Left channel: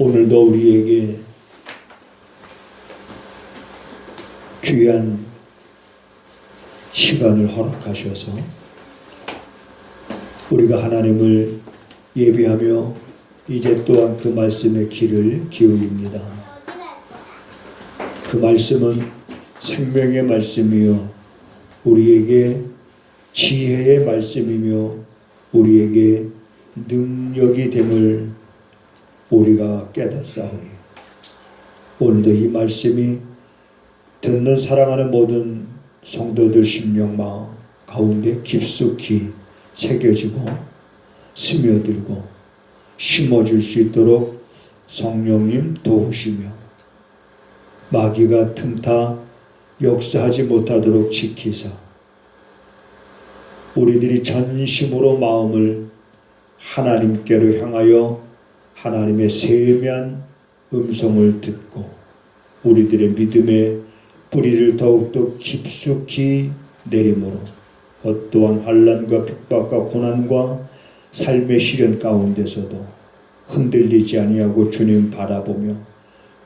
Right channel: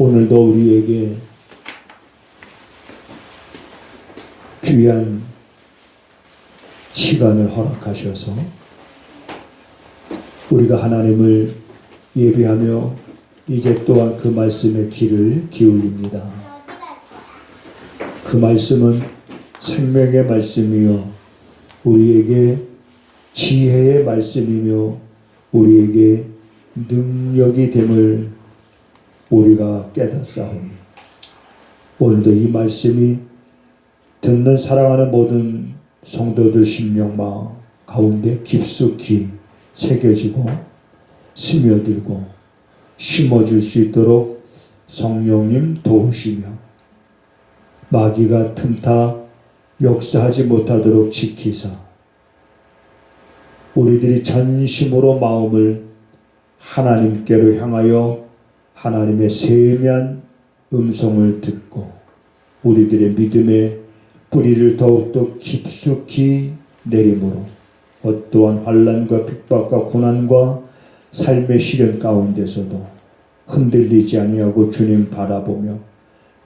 오늘도 우리에게 귀한 시간을 허락하셔서 우리가 하나님을 예배하며 이제 또한 그 말씀의 귀를 기울입니다. 그 말씀은 생명의 말씀이요 우리에게 지혜의 말씀이며 우리에게 능력이 됨을 우리가 깨닫사오니 오늘도 이 말씀이 듣는 사랑하는 모든 성도들 심령 마음 가운데 깊숙이 새겨지고 스며들고 심어줄 수 있도록 성령님 도우시며 마귀가 틈타 역사하지 못하도록 지키사 우리들이 전심으로 마음을 하나님께로 향하여 하나님의 세미한 음성을 듣고 우리들의 믿음의 뿌리를 더욱더 깊숙이 내림으로 어떠한 환난과 핍박과 고난과 삶의 시련 가운데서도 흔들리지 아니하고 주님 바라보며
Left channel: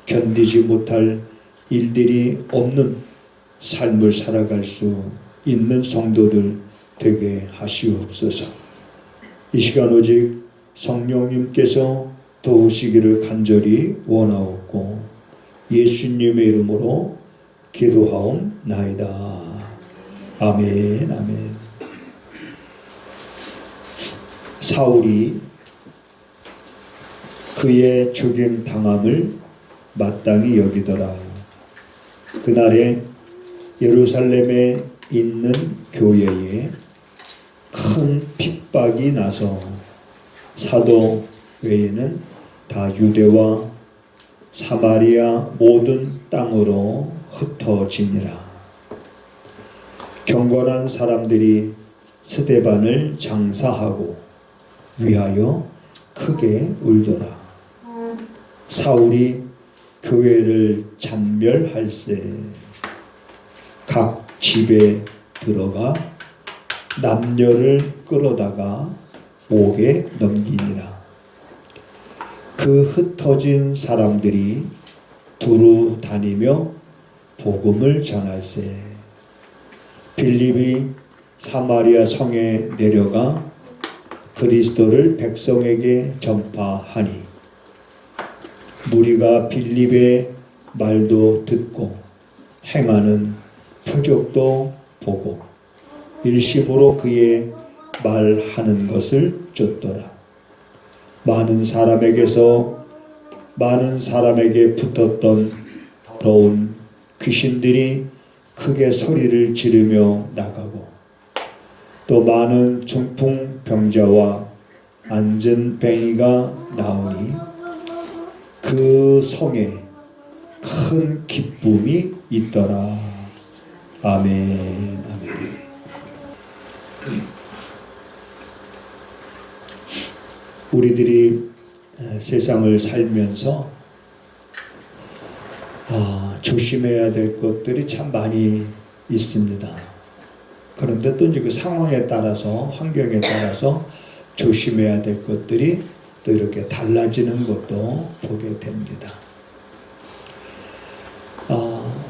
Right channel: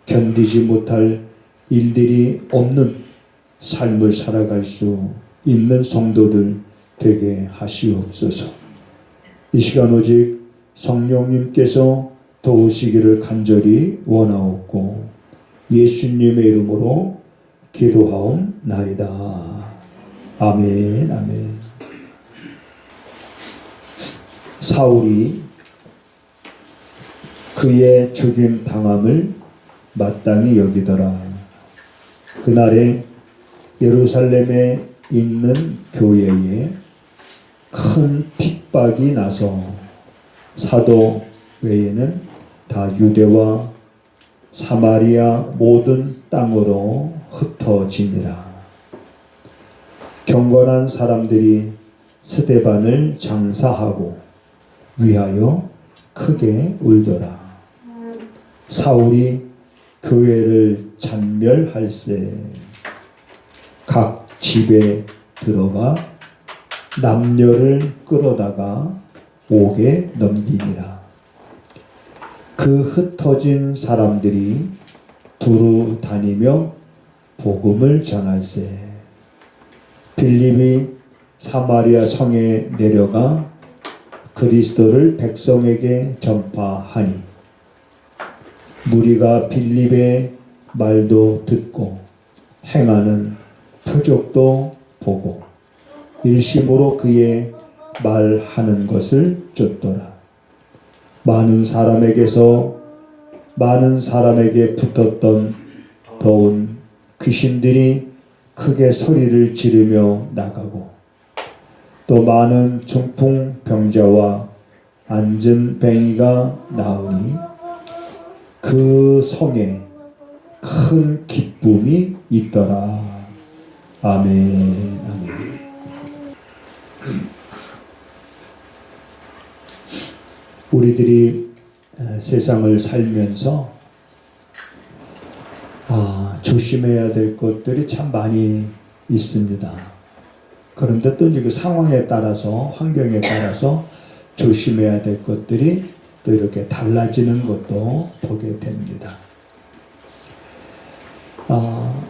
견디지 못할 일들이 없는 삶을 살아갈 수 있는 성도들 되게 하시옵소서. 이 시간 오직 성령님께서 도우시기를 간절히 원하옵고 예수님의 이름으로 기도하옵나이다. 아멘. 아멘. 사울이 그의 죽임 당함을 마땅히 여기더라. 그날에 예루살렘에 있는 교회에 큰 핍박이 나서 사도 외에는 다 유대와 사마리아 모든 땅으로 흩어지니라. 경건한 사람들이 스데반을 장사하고 위하여 크게 울더라. 사울이 교회를 잔멸할세 각 집에 들어가 남녀를 끌어다가 옥에 넘기니라. 그 흩어진 사람들이 두루 다니며 복음을 전할세. 빌립이 사마리아 성에 내려가 그리스도를 백성에게 전파하니 무리가 빌립의 말도 듣고 행하는 표적도 보고 일심으로 그의 말하는 것을 쫓더라. 많은 사람에게 붙었던 더러운 귀신들이 크게 소리를 지르며 나가고 또 많은 중풍병자와 안전뱅이가 나오니 그 성에 큰 기쁨이 있더라. 아멘. 아멘. 우리들이 세상을 살면서 조심해야 될 것들이 참 많이 있습니다. 그런데 또 그 상황에 따라서 환경에 따라서 조심해야 될 것들이 또 이렇게 달라지는 것도 보게 됩니다.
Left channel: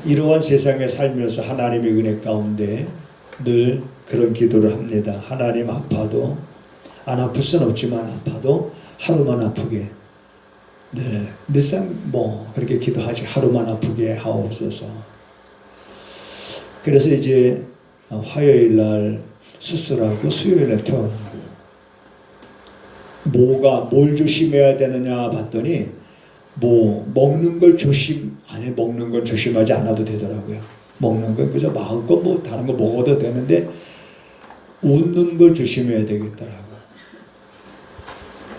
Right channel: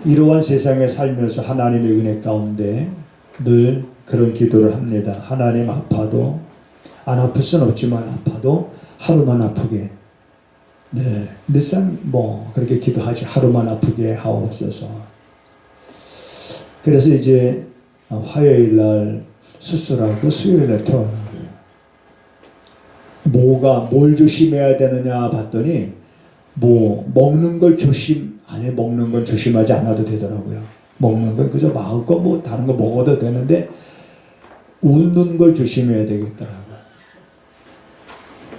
이러한 세상에 살면서 하나님의 은혜 가운데 늘 그런 기도를 합니다. 하나님 아파도 안 아플 수는 없지만 아파도 하루만 아프게 늘상 그렇게 기도하죠. 하루만 아프게 하옵소서. 그래서 이제 화요일 날 수술하고 수요일 날 퇴원하고 뭘 조심해야 되느냐 봤더니 먹는 걸 먹는 건 조심하지 않아도 되더라고요. 먹는 건 그저 마음껏 다른 거 먹어도 되는데 웃는 걸 조심해야 되겠더라고요.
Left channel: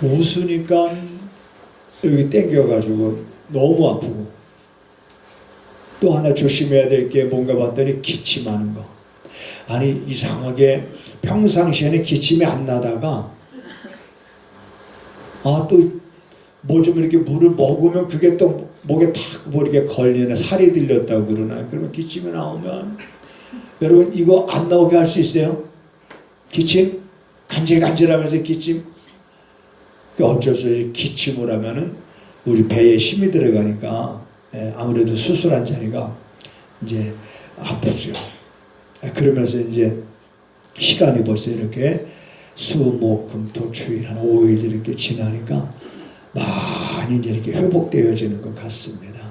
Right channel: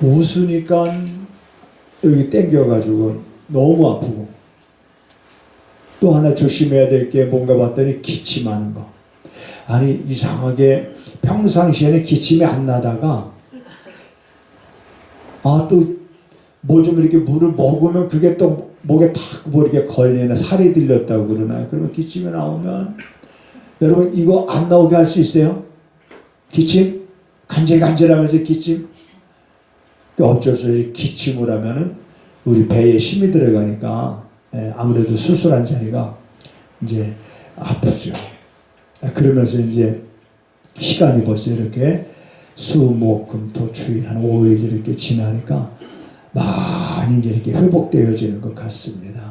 웃으니까 여기 땡겨가지고 너무 아프고 또 하나 조심해야 될 게 뭔가 봤더니 기침하는 거. 아니 이상하게 평상시에는 기침이 안 나다가 또 뭐 좀 이렇게 물을 먹으면 그게 또 목에 탁 이렇게 걸리나 살이 들렸다고 그러나요? 그러면 기침이 나오면 여러분 이거 안 나오게 할 수 있어요? 기침? 간질간질하면서 기침? 어쩔 수 없이 기침을 하면은 우리 배에 힘이 들어가니까 아무래도 수술한 자리가 이제 아프죠. 그러면서 이제 시간이 벌써 이렇게 수목금토 추위 한 5일 이렇게 지나니까 많이 이제 이렇게 회복되어지는 것 같습니다.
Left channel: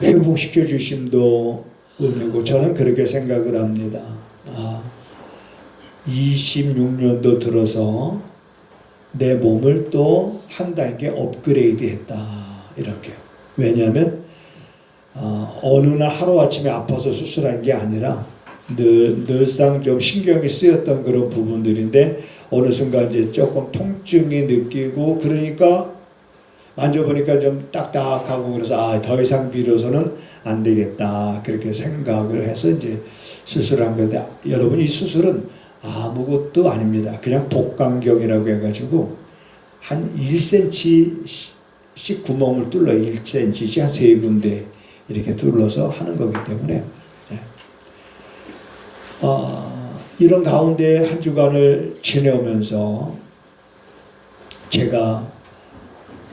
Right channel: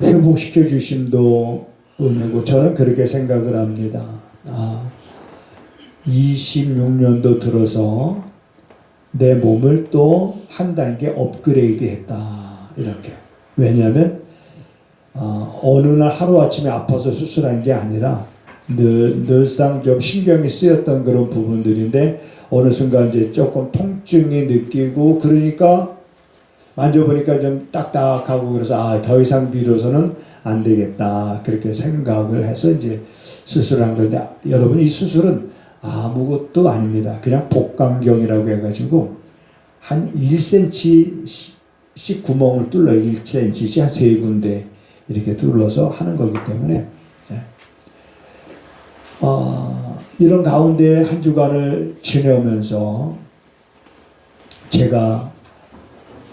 회복시켜 주심도 은혜고 저는 그렇게 생각을 합니다. 26년도 들어서 내 몸을 또 한 단계 업그레이드 했다. 이렇게. 왜냐하면 어느 날 하루아침에 아파서 수술한 게 아니라 늘상 좀 신경이 쓰였던 그런 부분들인데 어느 순간 이제 조금 통증이 느끼고 그러니까 만져보니까 좀 딱딱하고 그래서 더 이상 비로소는 안 되겠다 그렇게 생각을 해서 이제 수술한 건데 여러분 이 수술은 아무것도 아닙니다. 그냥 복강경이라고 해가지고 한 1cm씩 구멍을 뚫러 1cm씩 한 3군데 이렇게 뚫러서 하는 거기 때문에 이런 가운데 한 주간을 지내오면서 제가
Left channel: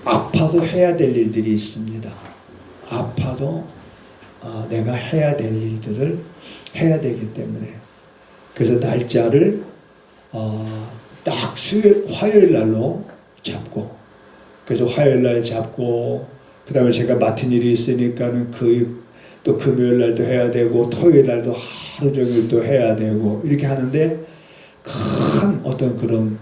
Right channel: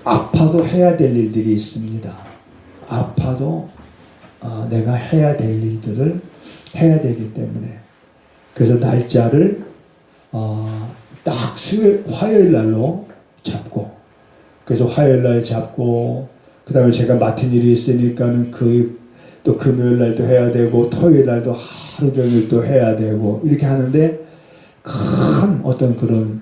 아파도 해야 될 일들이 있습니다. 아파도 내가 해야 될 일들을 해야 되기 때문에 그래서 날짜를 딱 화요일 날로 잡고 그래서 화요일 날 잡고 그 다음에 제가 맡은 일이 있으니까는 또 금요일 날도 해야 되고 토요일 날도 하루 종일 또 해야 되고 이렇게 하는데 큰 어떤 그런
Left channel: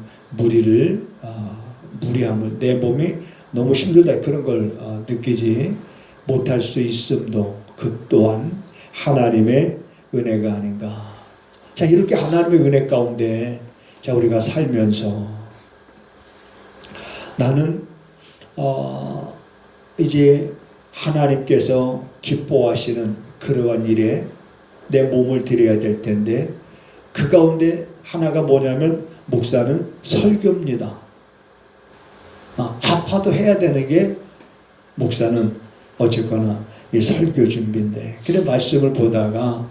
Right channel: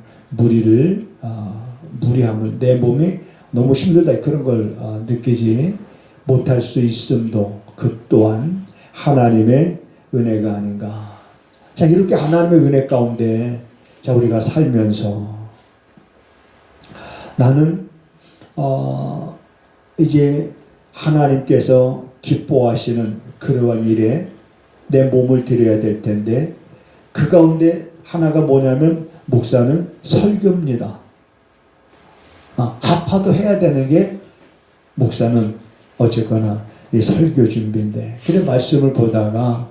무리함을 내 몸이 너무 힘들다 그런 걸 느끼지 못할 수 있음도 그 또한 하나님의 은혜가 아닌가. 자 이렇게 하나님의 은혜 가운데 자 우리가 살면서 나는 이제 하나님께서 기뻐하시는 그러한 일에 내 몸을 드려야 될 텐데 그 가운데 하나가 뭐냐면 목사는 설교입니다. 아파도 해야 되는 게 목사는 어쨌거나 이 설교 준비인데 그래 말씀을 보다가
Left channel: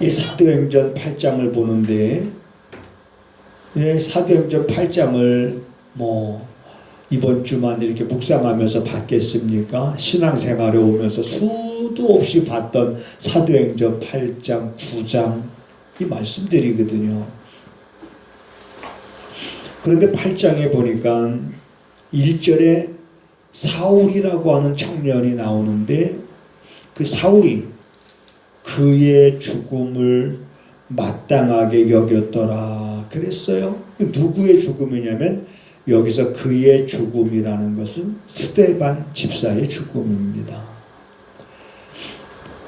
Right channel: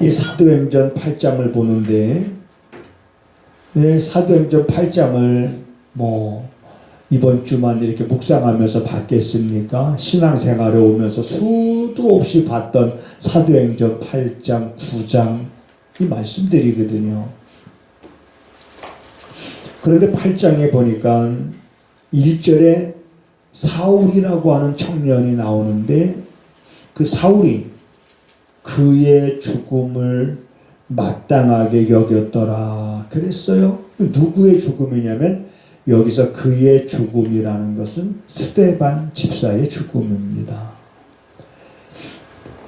이 사도행전 8장을 보는데 사도행전 8장을 이번 주만 이렇게 묵상하면서 받겠습니까? 신앙생활에 오면서 수도 없이 봤던 사도행전 8장, 9장 이 말씀들이거든요. 그런데 8장에 보니까 1절에 사울이라고 하는 청년이 나오는데 그 사울이 그의 죽음을 마땅하게 여겼더라 그랬어요. 누구의 죽음이냐면 여기서 그의 죽음이라는 것은 스데반 집사의 죽음입니다.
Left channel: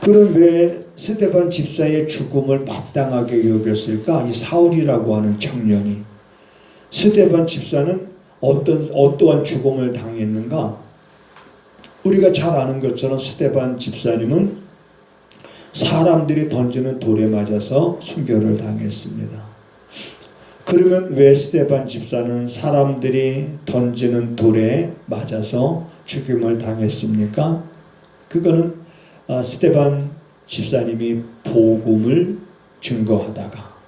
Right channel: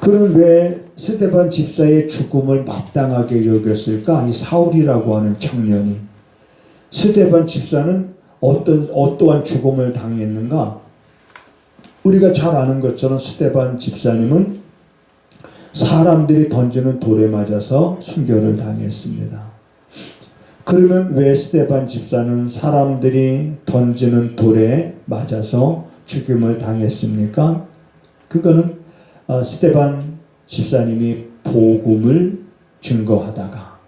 그럼 왜 스데반 집사의 죽음을 마땅하게 여겼을까? 이 사울이라고 하는 청년이. 스데반 집사는 어떠한 죽음을 당했는가? 우리가 잘 아는 것처럼 스데반 집사님은 사람들이 던지는 돌에 맞아서 순교를 당했습니다. 그러면 왜 스데반 집사는 사람들이 던지는 돌에 맞아서 죽임을 당했습니까? 그거는 스데반 집사님이 복음을 증거하다가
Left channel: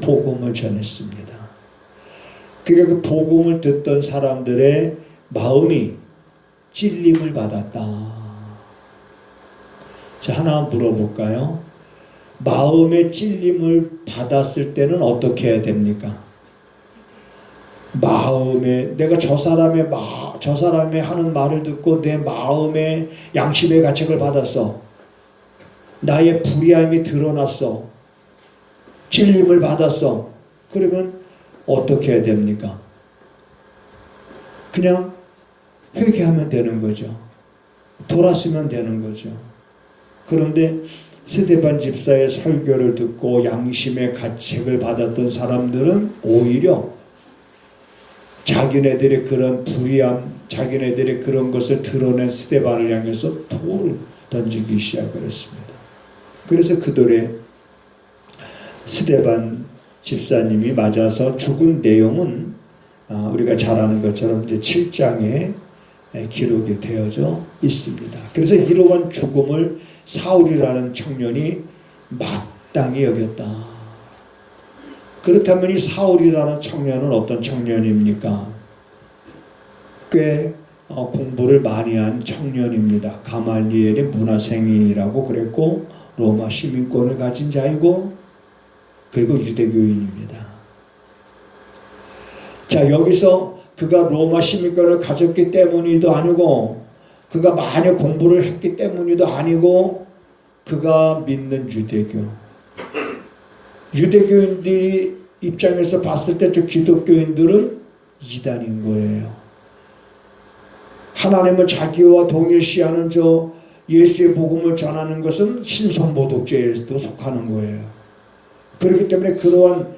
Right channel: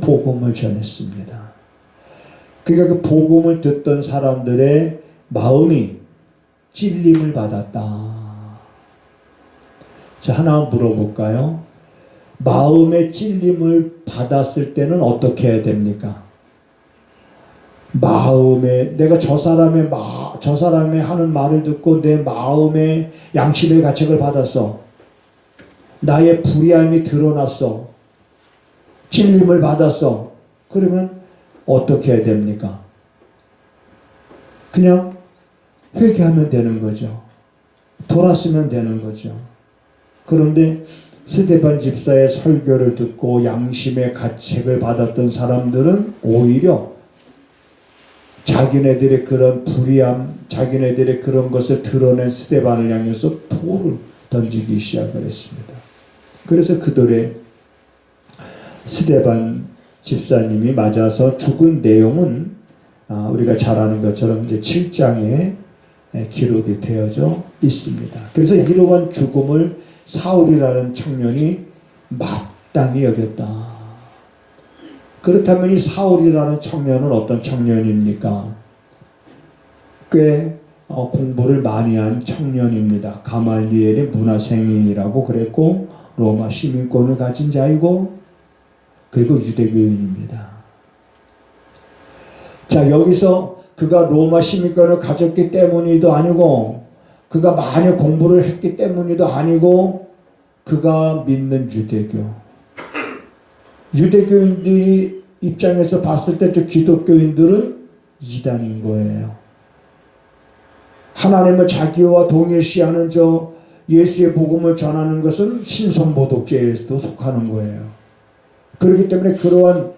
복음을 전했습니다. 그러니까 그 복음을 듣던 사람들의 마음이 찔림을 받았다. 자, 하나 물어볼까요? 마음의 찔림을 받았을 때는 어떻게 해야 됩니까? 내가 저 사람의 하는 말을 듣고 내 마음의 양심의 가책을 받았어. 나의 불의함이 드러났어. 찔림을 받았어. 그러면 어떻게 해야 됩니까? 그냥 회개하면 되는 거죠. 돌아서면 되는 거죠. 그런데 스데반 집사의 설교를 듣고 양심의 가책을 받았던 사람들은 오히려 자기네들의 그런 불의함, 자기네들의 그런 것을 드러낸 스데반을 향해서 돌을 던지기 시작을 했습니다. 그래서 그 돌에 스데반 집사님이 맞아서 죽은 내용은 우리가 잘 아는 것처럼 이제 7장에 기록이 되어져 있습니다. 그래서 이러한 죽음을 사울이라는 청년이 마땅히 여겼다. 그렇다면 이 사울이라는 청년은 어떤 청년입니까? 꽤 공부를 많이 한 청년입니다. 가말리엘의 문화생이라고 그랬고 로마 시민권을 가진 자이고 그리고 유대교인입니다. 자, 여기서 그가 로마 시민권을 가졌기 때문이도 아니고 그가 많이 공부를 했기 때문이도 아니고 그가 믿는 유대교인들이 입장에서 봤을 때 저 기독교인들은 이단인 거예요. 하나님을 자기와 동일시하는 저 예수의 복음을 전하는 것은 신성모독죄에도 속하는 거예요. 그렇기 때문에 그러한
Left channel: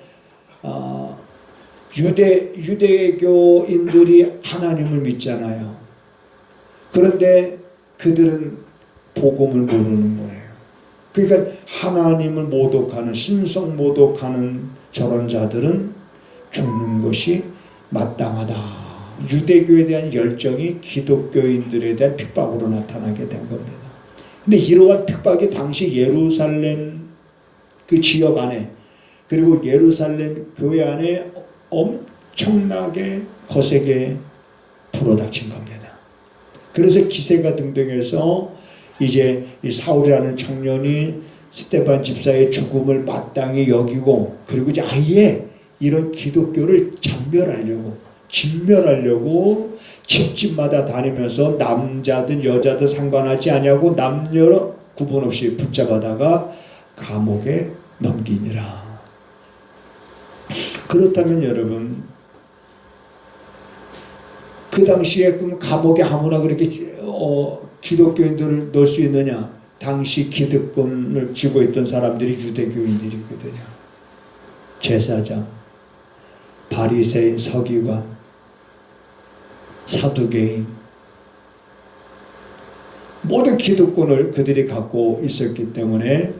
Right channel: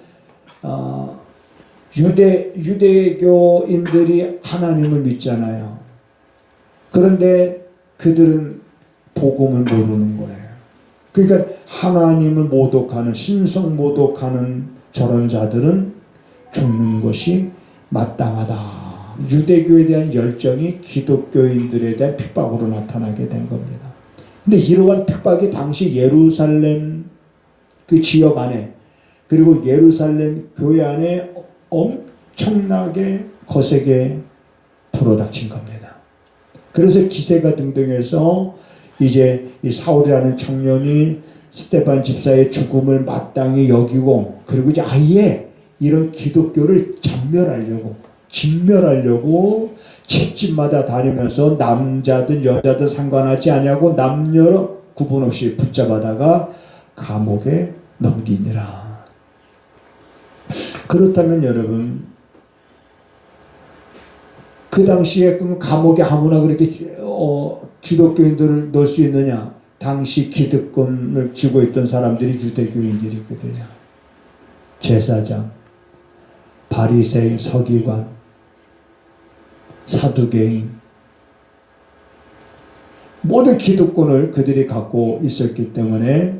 유대교인들이 하나님을 믿잖아요. 그런데 그들은 복음을 모르는 거예요. 그러니까 하나님을 모독하는, 신성모독하는 저런 자들은 죽는 것이 마땅하다. 유대교에 대한 열정이 기독교인들에 대한 핍박으로 나타나게 된 겁니다. 근데 이러한 핍박이 당시 예루살렘 그 지역 안에 그리고 예루살렘 교회 안에 엄청나게 거세게 불어닥친 겁니다. 그래서 기세가 등등해서 이제 이 사울이라는 청년이 스데반 집사의 죽음을 마땅히 여기고 그리고 이제 아예 이런 기독교를 진멸하려고 집집마다 다니면서 남자든 여자든 상관하지 아니하고 남녀 구분 없이 붙잡아다가 감옥에 넘기니라. 그렇다면 여러분 그 당시에 그럼 감옥에 아무나 그렇게 기독교인들을 넣을 수 있느냐? 당시 기득권을 쥐고 있던 사람들이 유대교인들이거든요. 제사장, 바리새인, 서기관, 사두개인 모든 기득권을 그들이 갖고 있었기 때문에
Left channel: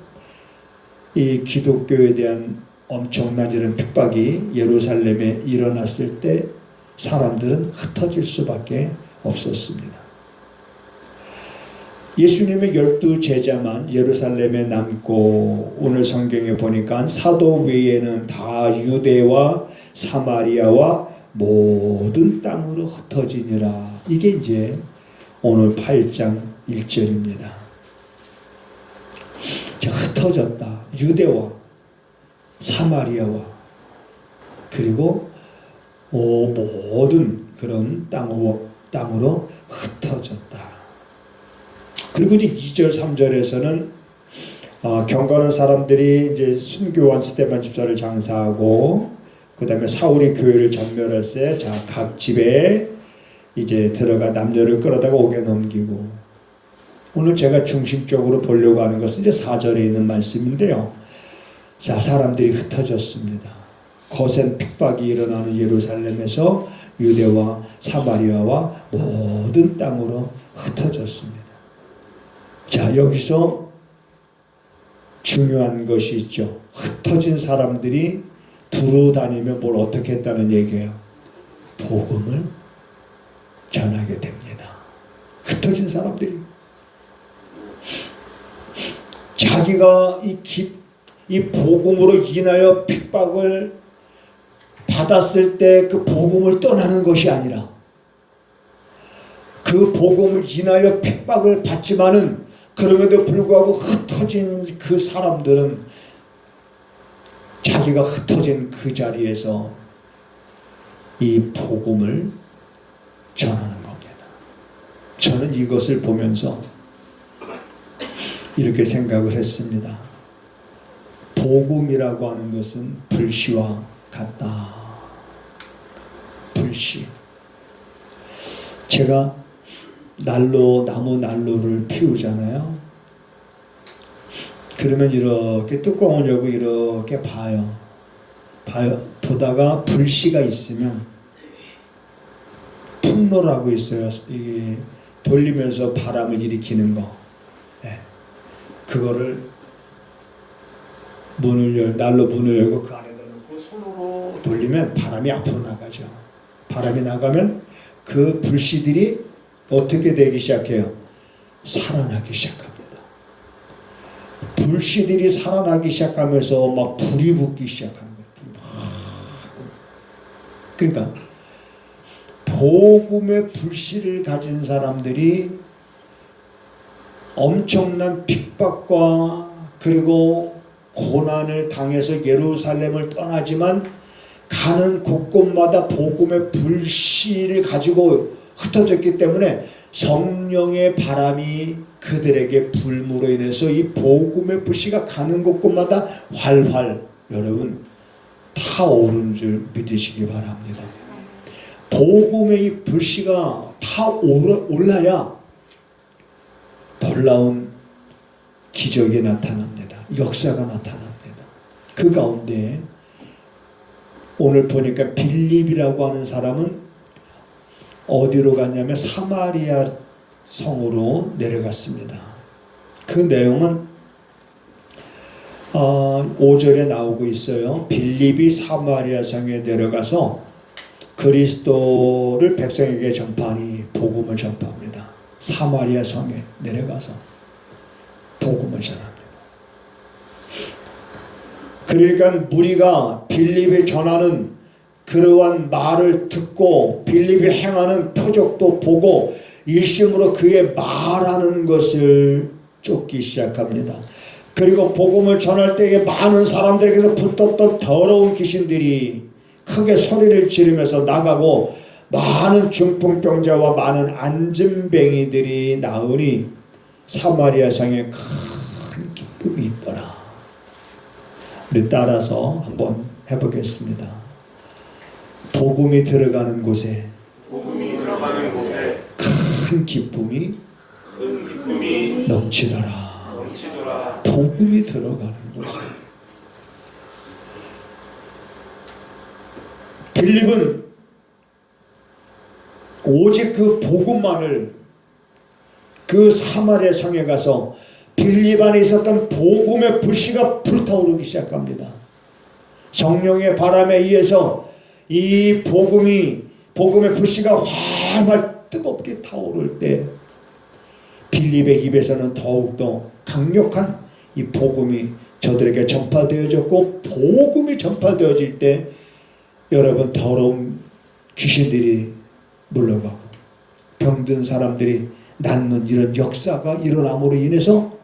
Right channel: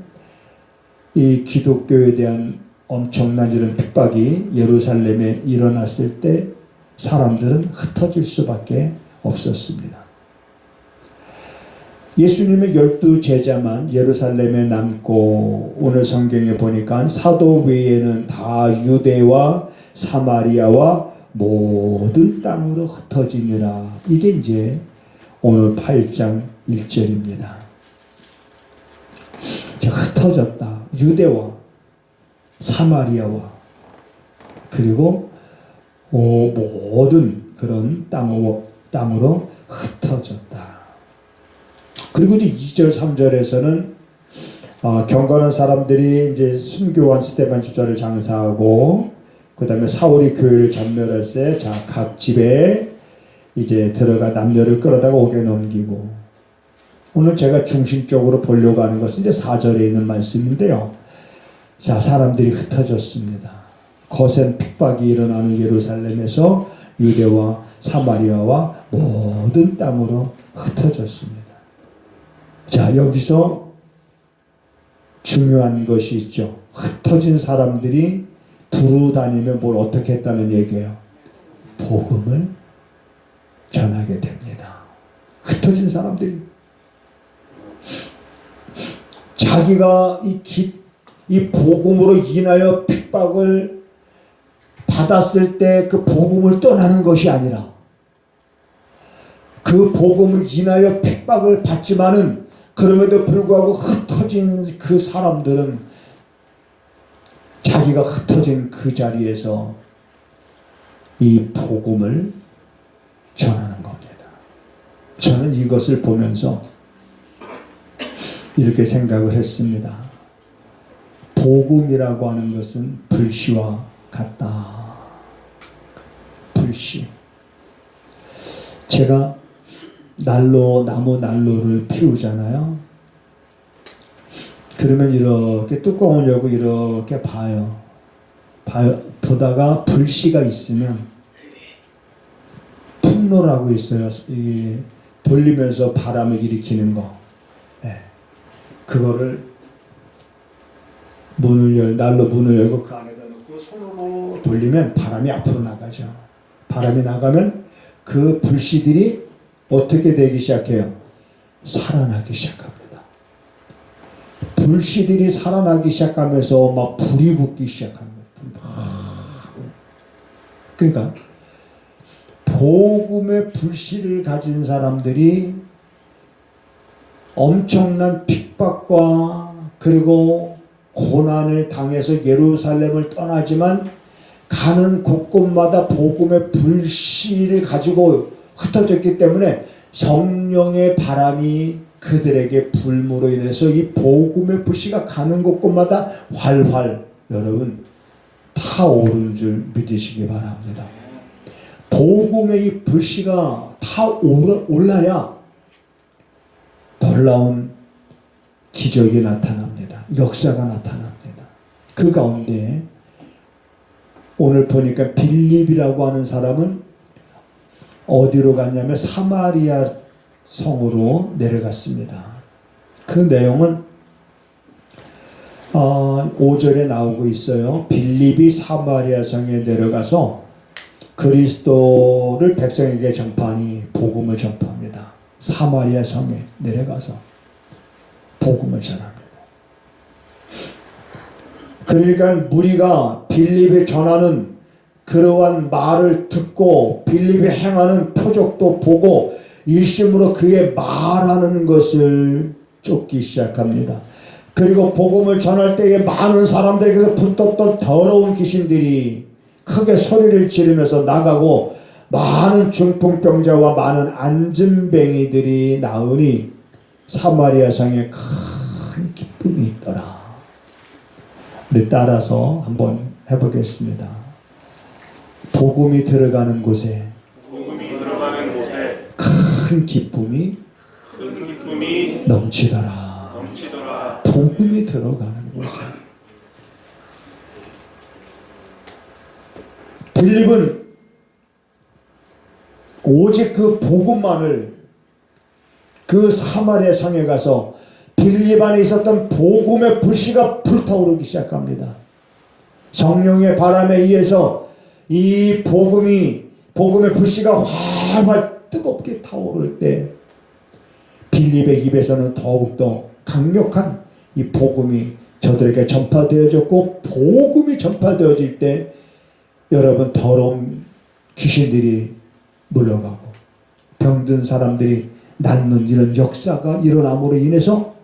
이 기독교에 대한 엄청난 이런 핍박이 예루살렘에 일어났을 때 사람들은 흩어질 수밖에 없었습니다. 예수님의 12제자만 예루살렘에 남고 오늘 성경에 보니까 사도 외에는 다 유대와 사마리아와 모든 땅으로 흩어지니라. 이게 이제 오늘 8장 1절입니다. 흩어졌다. 유대와 사마리아와 그리고 모든 그런 땅으로 흩어졌다. 그리고 이제 2절 3절에서는 경건한 사람들이 이제 순교한 스데반 집사를 장사하고 그 다음에 사울이 교회를 전멸할 때 각 집에 이제 들어가 남녀를 끌어다가 옥에 넘기고 오늘 제가 중심적으로 보려고 하는 것은 이제 4절에 있는 말씀인데요. 자, 사람들이 흩어졌습니다. 거센 핍박이 일어나는 예루살렘에서 유대와 사마리아와 모든 땅으로 흩어졌습니다. 자, 여기서 중요한 것이 있죠. 흩어진 사람들이 두루 다니며 뭘 어떻게 했다는 얘기예요. 복음을 전하게 됩니다. 흩어진 사람들이 자기가 이 복음으로 인하여 핍박을 받았을 때 그 복음을 떠나는 것이 아니라 그 복음을 인하여 핍박을 받지만은 그럼에도 불구하고 흩어진 그 사람들은 자기가 흩어진 그 자리에서 이 복음을 전하는 겁니다. 저는 이것을 보면서 이렇게 생각을 했습니다. 복음이라고 하는 것은 불씨와 같다. 불씨. 제가 나무 난로를 피우잖아요. 그러면 이렇게 뚜껑을 열고 이렇게 보다가 불씨가 있으면 풍로라고 있어요. 이게 돌리면서 바람을 일으키는 거. 네. 그거를 난로 문을 열고 그 안에다 넣고 손으로 돌리면 바람이 앞으로 나가죠. 바람이 나가면 그 불씨들이 어떻게 되기 시작해요? 살아나기 시작합니다. 불씨들이 살아나기 시작하면서 막 불이 붙기 시작합니다. 그러니까 복음의 불씨를 가진 사람들이 엄청난 핍박과 그리고 고난을 당해서 예루살렘을 떠나지만 가는 곳곳마다 복음의 불씨를 가지고 흩어졌기 때문에 성령의 바람이 그들에게 불므로 인해서 이 복음의 불씨가 가는 곳곳마다 활활 여러분 타오르는 줄 믿으시기 바랍니다. 복음의 이 불씨가 올라야 놀라운 기적이 나타납니다. 역사가 나타납니다. 그 가운데 오늘 보니까 빌립이라고 하는 사람은 어디로 갔냐면 사마리아 성으로 내려갔습니다. 그 내용은 5절에 나오고 있어요. 빌립이 사마리아 성에 내려가서 그리스도를 백성에게 전파하니 복음을 전파합니다. 사마리아 성에 내려가서 복음을 전합니다. 그러니까 무리가 빌립이 전하는 그러한 말을 듣고 빌립이 행하는 표적도 보고 일심으로 그의 말하는 것을 쫓기 시작합니다. 그리고 복음을 전할 때에 많은 사람들에게서 붙었던 더러운 귀신들이 크게 소리를 지르면서 나가고 많은 중풍병자와 많은 안진뱅이들이 나으니 사마리아 성에 큰 기쁨이 있더라. 우리 따라서 한번 해보겠습니다. 복음이 들어가는 곳에 큰 기쁨이 넘치더라. 복음이 들어가는 곳에. 빌립은 오직 그 복음만을 그 사마리아 성에 가서 빌립 안에 있었던 복음의 불씨가 불타오르기 시작합니다. 성령의 바람에 의해서 이 복음의 불씨가 활활 뜨겁게 타오를 때 빌립의 입에서는 더욱더 강력한 이 복음이 저들에게 전파되어졌고, 복음이 전파되어질 때 여러분 더러운 귀신들이 물러가고 병든 사람들이 낫는 이런 역사가 일어남으로 인해서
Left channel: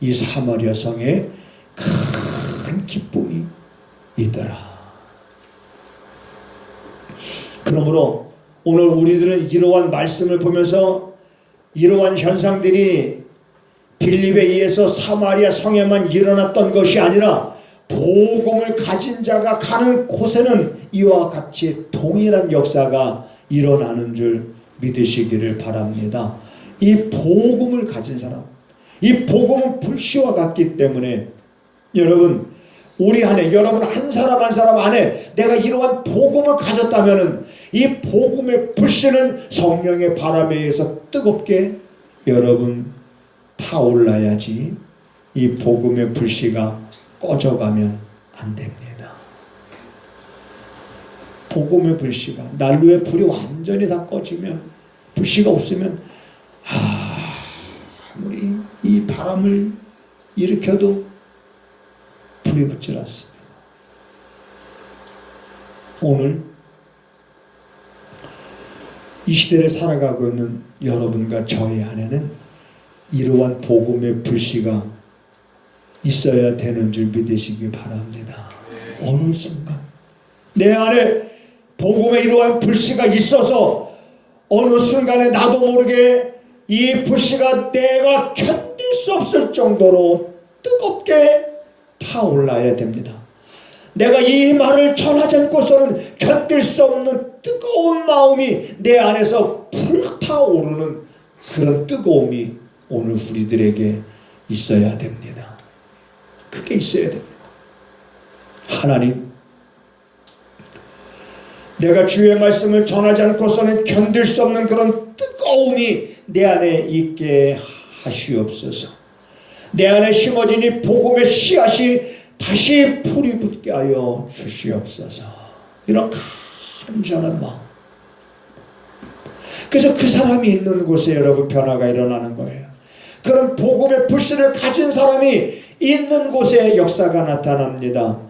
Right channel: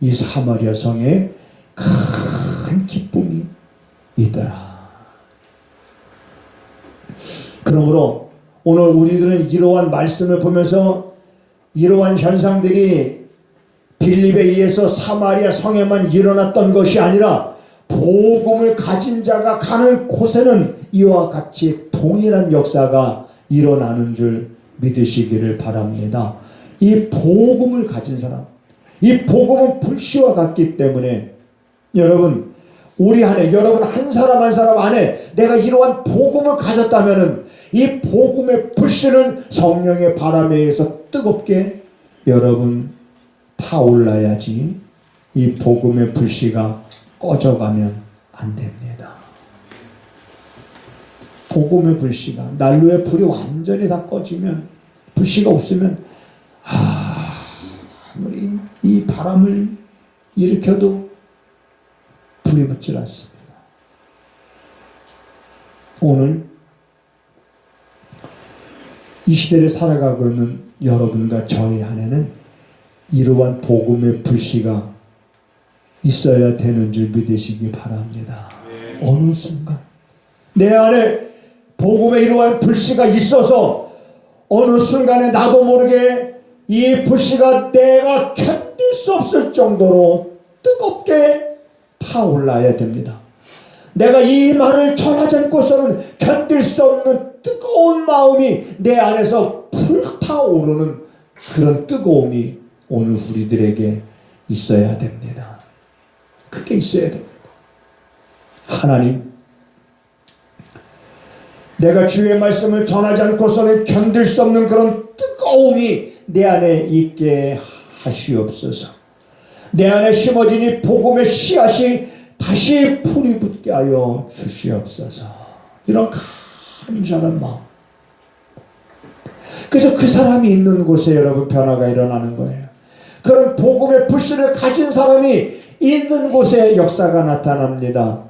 이 사마리아 성에 큰 기쁨이 있더라. 그러므로 오늘 우리들은 이러한 말씀을 보면서 이러한 현상들이 빌립에 의해서 사마리아 성에만 일어났던 것이 아니라 복음을 가진 자가 가는 곳에는 이와 같이 동일한 역사가 일어나는 줄 믿으시기를 바랍니다. 이 복음을 가진 사람, 이 복음은 불씨와 같기 때문에 여러분 우리 안에, 여러분 한 사람 한 사람 안에 내가 이러한 복음을 가졌다면은 이 복음의 불씨는 성령의 바람에 의해서 뜨겁게 여러분 타올라야지 이 복음의 불씨가 꺼져가면 안 됩니다. 복음의 불씨가, 난로의 불이 완전히 다 꺼지면, 불씨가 없으면 아무리 이 바람을 일으켜도 불이 붙질 않습니다. 오늘 이 시대를 살아가고 있는 여러분과 저의 안에는 이러한 복음의 불씨가 있어야 되는 줄 믿으시기 바랍니다. 어느 순간 내 안에 복음의 이러한 불씨가 있어서 어느 순간에 나도 모르게 이 불씨가 내가 견딜 수 없을 정도로 뜨겁게 타올라야 됩니다. 내가 이 말을 전하지 않고서는 견딜 수 없는 뜨거운 마음이 내 안에서 불타오르는 그런 뜨거움이 오늘 우리들에게 있어야 됩니다. 그게 있어야 됩니다. 하나님, 내가 주의 말씀을 전하지 않고서는 견딜 수 없는 그런 뜨거움이 내 안에 있게 하시옵소서. 내 안에 심어진 이 복음의 씨앗이 다시 풀이 붙게 하여 주시옵소서. 이런 간절한 마음. 그래서 그 사람이 있는 곳에 여러분 변화가 일어나는 거예요. 그런 복음의 불씨를 가진 사람이 있는 곳에 역사가 나타납니다.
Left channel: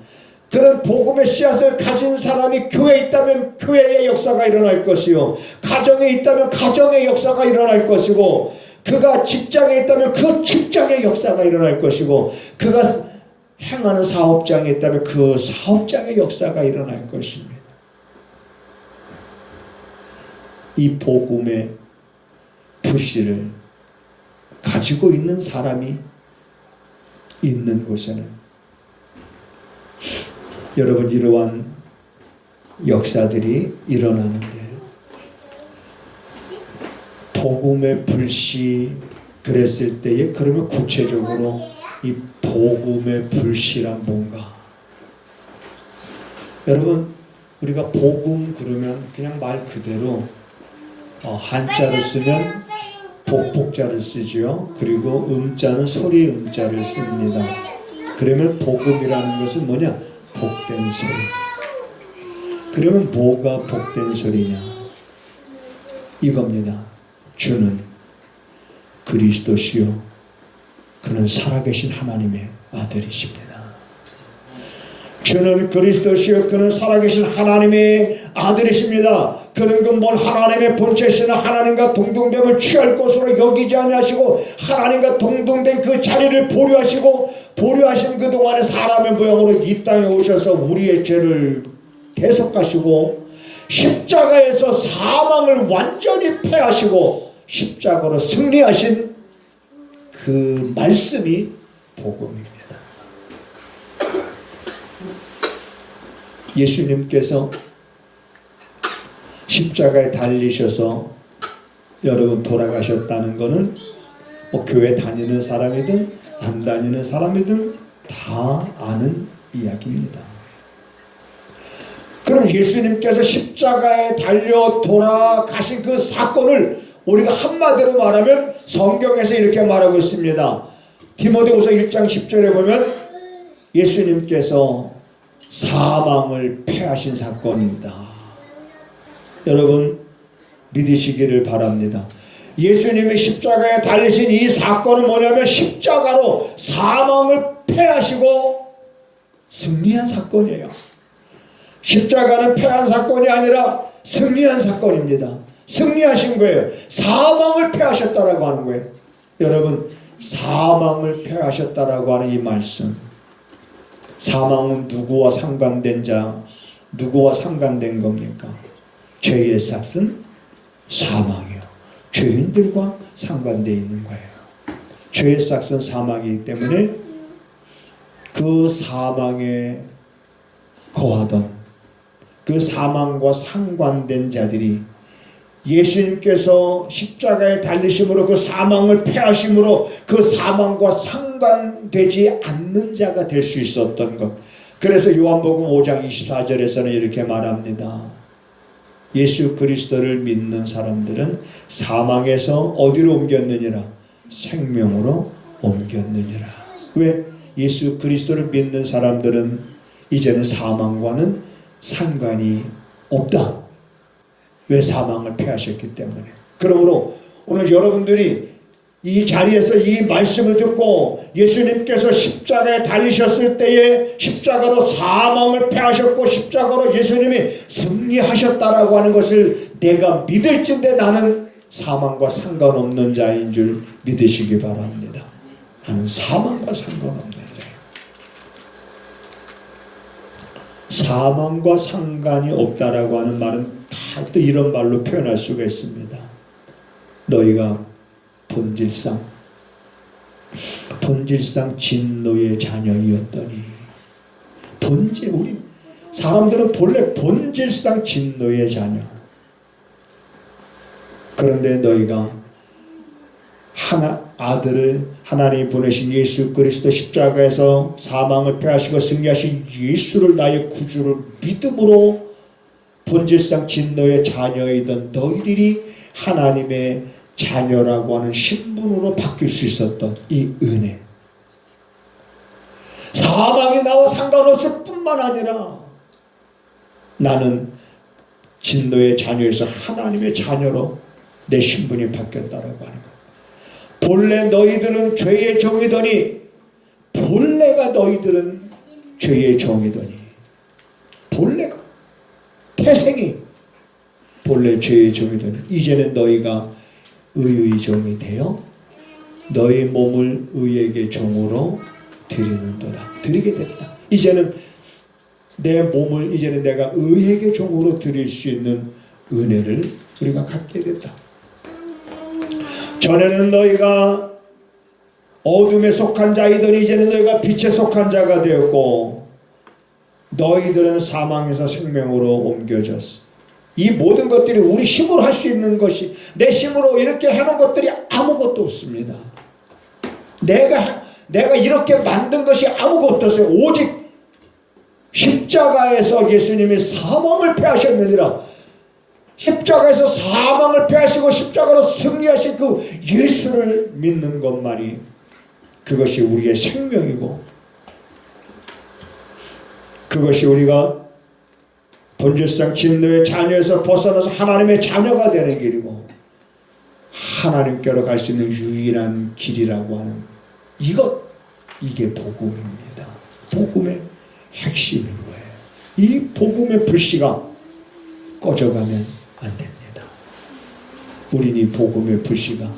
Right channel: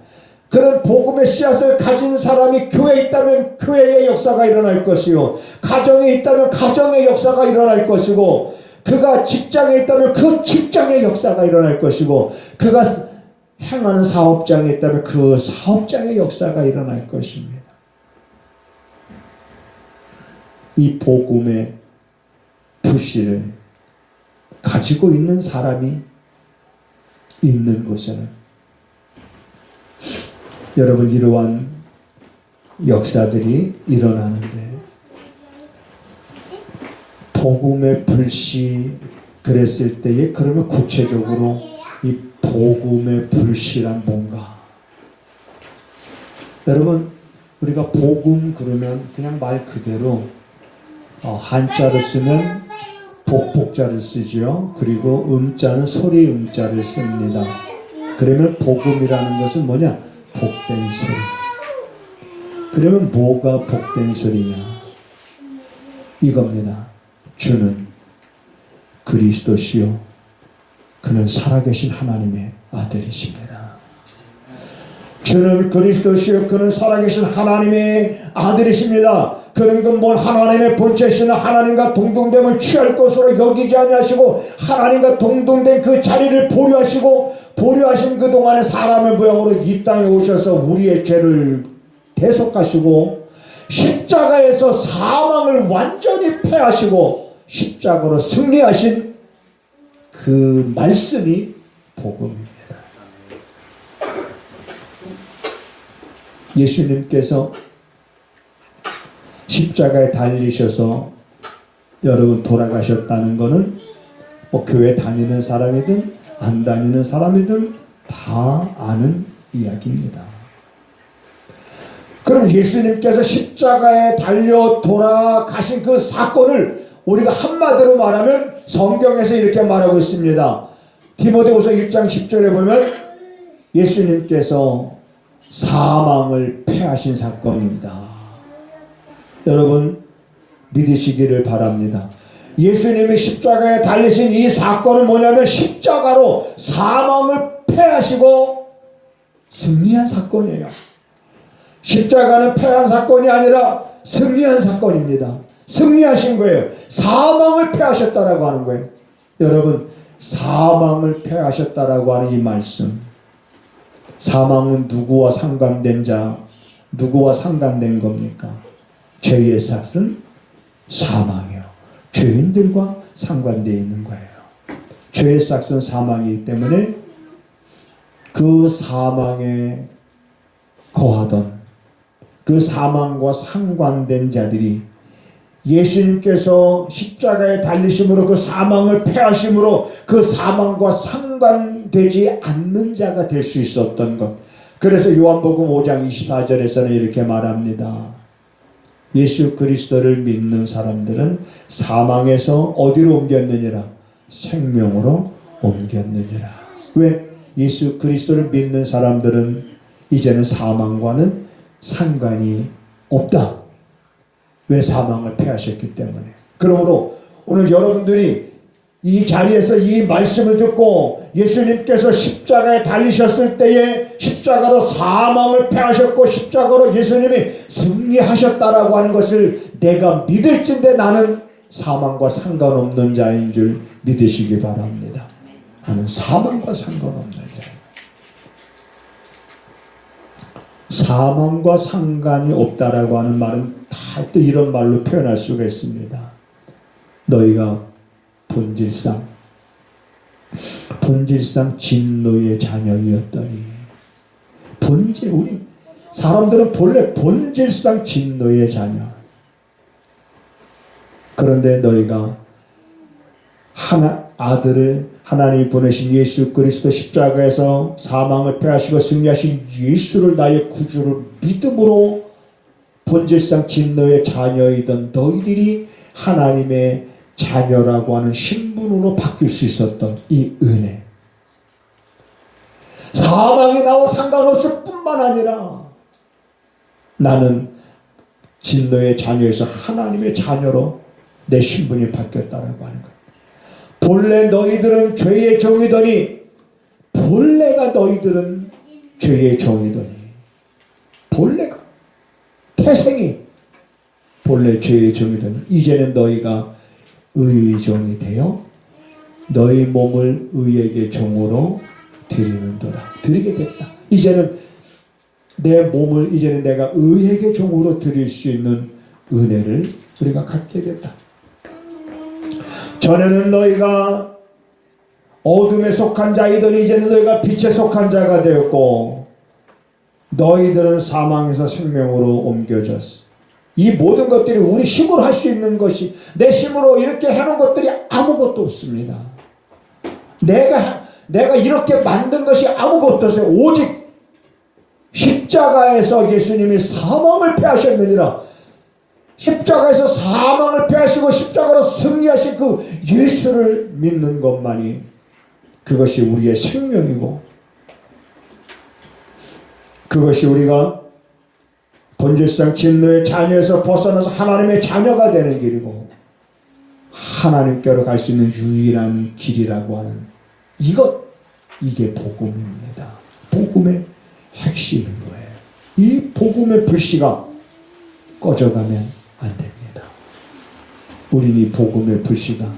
그런 복음의 씨앗을 가진 사람이 교회에 있다면 교회의 역사가 일어날 것이요, 가정에 있다면 가정의 역사가 일어날 것이고, 그가 직장에 있다면 그 직장의 역사가 일어날 것이고, 그가 행하는 사업장에 있다면 그 사업장의 역사가 일어날 것입니다. 이 복음의 불씨를 가지고 있는 사람이 있는 곳에는 여러분, 이러한 역사들이 일어나는데, 복음의 불씨 그랬을 때에, 그러면 구체적으로 이 복음의 불씨란 뭔가? 여러분, 우리가 복음 그러면 그냥 말 그대로 한자를 쓰면 복복자를 쓰지요. 그리고 음자는 소리 음자를 씁니다. 그러면 복음이라는 것은 뭐냐? 복된 소리. 그러면 뭐가 복된 소리냐? 이겁니다. 주는 그리스도시요 그는 살아계신 하나님의 아들이십니다. 주는 그리스도시요 그는 살아계신 하나님의 아들이십니다. 그는 그 하나님의 본체시는 하나님과 동등됨을 취할 것으로 여기지 아니하시고, 하나님과 동등된 그 자리를 보류하시고, 보류하신 그동안의 사람의 모양으로 이 땅에 오셔서 우리의 죄를 대속하시고, 십자가에서 사망을 완전히 패하시고 십자가로 승리하신 그 말씀이 복음입니다. 예수님께서 십자가에 달리셔서 여러분 돌아가셨다는 것은 교회 다니는 사람이든 안 다니는 사람이든 다 아는 이야기입니다. 그럼 예수님께서 십자가에 달려 돌아가신 그 사건을 우리가 한마디로 말하면 성경에서 이렇게 말하고 있습니다. 디모데후서 1장 10절에 보면 예수님께서 사망을 패하신 사건입니다. 여러분 믿으시기를 바랍니다. 예수님이 십자가에 달리신 이 사건은 뭐냐면 십자가로 사망을 패하시고 승리한 사건이에요. 십자가는 패한 사건이 아니라 승리한 사건입니다. 승리하신 거예요. 사망을 패하셨다라고 하는 거예요. 여러분, 사망을 패하셨다라고 하는 이 말씀, 사망은 누구와 상관된 자, 누구와 상관된 겁니까? 죄의 삭은 사망이요, 죄인들과 상관되어 있는 거예요. 죄의 삭은 사망이기 때문에 그 사망에 거하던 그 사망과 상관된 자들이 예수님께서 십자가에 달리심으로 그 사망을 패하심으로 그 사망과 상관되지 않는 자가 될 수 있었던 것. 그래서 요한복음 5장 24절에서는 이렇게 말합니다. 예수 그리스도를 믿는 사람들은 사망에서 어디로 옮겼느니라? 생명으로 옮겼느니라. 왜? 예수 그리스도를 믿는 사람들은 이제는 사망과는 상관이 없다. 왜? 사망을 패하셨기 때문에. 그러므로 오늘 여러분들이 이 자리에서 이 말씀을 듣고 예수님께서 십자가에 달리셨을 때에 십자가로 사망을 패하셨고 십자가로 예수님이 승리하셨다라고 하는 것을 내가 믿을진데 나는 사망과 상관없는 자인 줄 믿으시기 바랍니다. 나는 사망과 상관없는 자예요. 사망과 상관이 없다라고 하는 말은 다 또 이런 말로 표현할 수가 있습니다. 너희가 본질상 진노의 자녀이었더니, 우리 사람들은 본래 본질상 진노의 자녀. 그런데 너희가 아들을 하나님이 보내신 예수 그리스도 십자가에서 사망을 패하시고 승리하신 예수를 나의 구주를 믿음으로 본질상 진노의 자녀이던 너희들이 하나님의 자녀라고 하는 신분으로 바뀔 수 있었던 이 은혜. 사망이 나와 상관없을 뿐만 아니라 나는 진노의 자녀에서 하나님의 자녀로 내 신분이 바뀌었다라고 하는 것. 본래 너희들은 죄의 종이더니, 본래가 너희들은 죄의 종이더니, 본래가 태생이 본래 죄의 종이 되니 이제는 너희가 의의 종이 되어 너희 몸을 의에게 종으로 드리는도다. 드리게 됐다. 이제는 내 몸을 이제는 내가 의에게 종으로 드릴 수 있는 은혜를 우리가 갖게 됐다. 전에는 너희가 어둠에 속한 자이더니 이제는 너희가 빛에 속한 자가 되었고 너희들은 사망에서 생명으로 옮겨졌어. 이 모든 것들이 우리 힘으로 할 수 있는 것이 내 힘으로 이렇게 해놓은 것들이 아무것도 없습니다. 내가 이렇게 만든 것이 아무것도 없어요. 오직 십자가에서 예수님이 사망을 패하셨느니라. 십자가에서 사망을 패하시고 십자가로 승리하신 그 예수를 믿는 것만이 그것이 우리의 생명이고 그것이 우리가 본질상 진노의 자녀에서 벗어나서 하나님의 자녀가 되는 길이고 하나님께로 갈 수 있는 유일한 길이라고 하는 이게 복음입니다. 복음의 핵심인 거예요. 이 복음의 불씨가 꺼져가면 안 됩니다. 우린 이 복음의 불씨가